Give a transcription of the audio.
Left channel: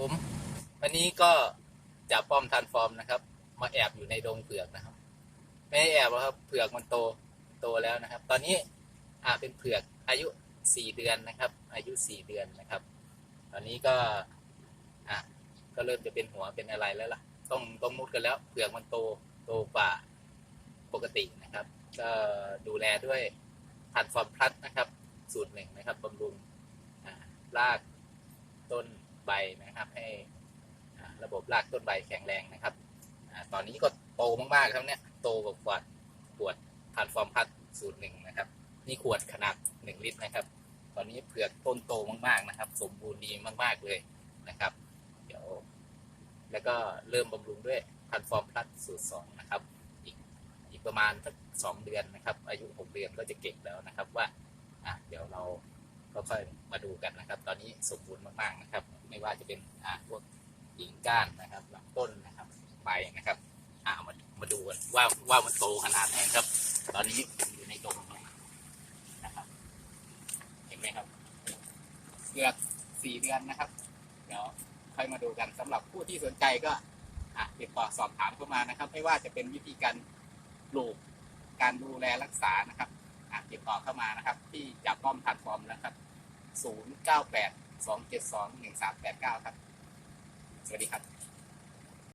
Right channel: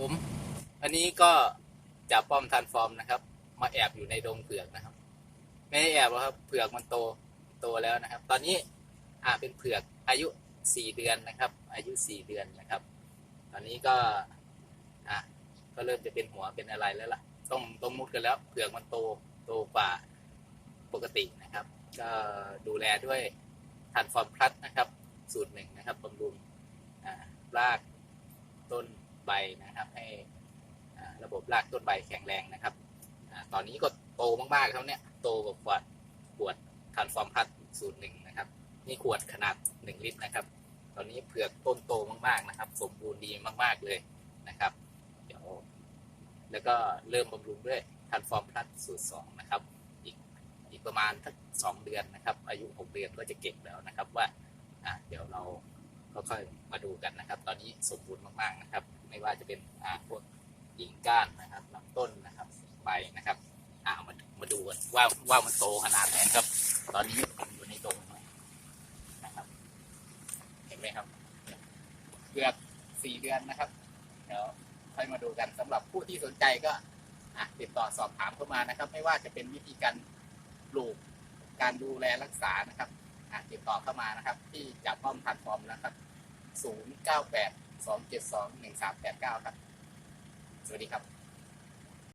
ผมวันนี้ก็จะป้อมทันฟอร์มนะครับ มาแอบอยู่ในดงเผือกนะครับ ไม่ได้แอบครับเผือกมันโตโตแล้วนะครับ ตอนนี้อ่าเป็นเผือกอายุสี่เดือนนะครับ อายุสี่เดือนนะครับ ตอนนี้ก็อะก็เริ่มจะเป็นหัวเป็นอะไรแล้วล่ะ ต้องต้องมุดกันแล้วเผือกมันโตโตกว่าปกตินะครับ ก็ดูแลด้วยทันฟอร์มพลัสนะครับ สูตรหนึ่งนะครับบำรุงรากต้น ใบนะครับ ให้ระบบรากต้นใบแข็งแรงนะครับตอนนี้ก็โตมากๆครับเนี่ยโตกว่าขวดขวดทันฟอร์มพลัสสูตรหนึ่งนะครับนี่ขวดขนาดหนึ่งลิตรนะครับ ตอนนี้เผือกต้นโตมากๆนะครับ สมบูรณ์ดีมากๆเลยนะครับ เดี๋ยว แล้วก็เริ่มบำรุงด้วยทันฟอร์มพลัสสูตรสองนะครับอีกอีกประมาณสักสองเดือนนะครับ อายุหกเดือนก็จะเก็บแล้วนะครับว่าอะเดี๋ยวเราก็ค่อยมาดูกันนะครับ ตอนนี้สมบูรณ์มากๆนะครับ ไม่ว่าจะเป็นอ่าพวกกิ่งก้านนะครับลำต้นนะครับใบนะครับอ่ามามาดูกันว่าว่ามันโตขนาดไหนครับ ตอนนี้ผมอยู่ในดงนะครับ เห็นไหมครับเกือบสี่เดือนนะครับ เดี๋ยวค่อยมาดูกันสำหรับผู้ที่สนใจก็อ่ติดต่อสอบถามเข้ามานะครับ ไม่ว่าจะเป็นวิธีการปลูกการดูแลรักษานะครับติดต่อเข้ามานะครับ ที่จับป้อมทันฟอร์มนะครับ 098 สองเจ็ดสองหนึ่งสามแปดเก้าครับ สวัสดีครับ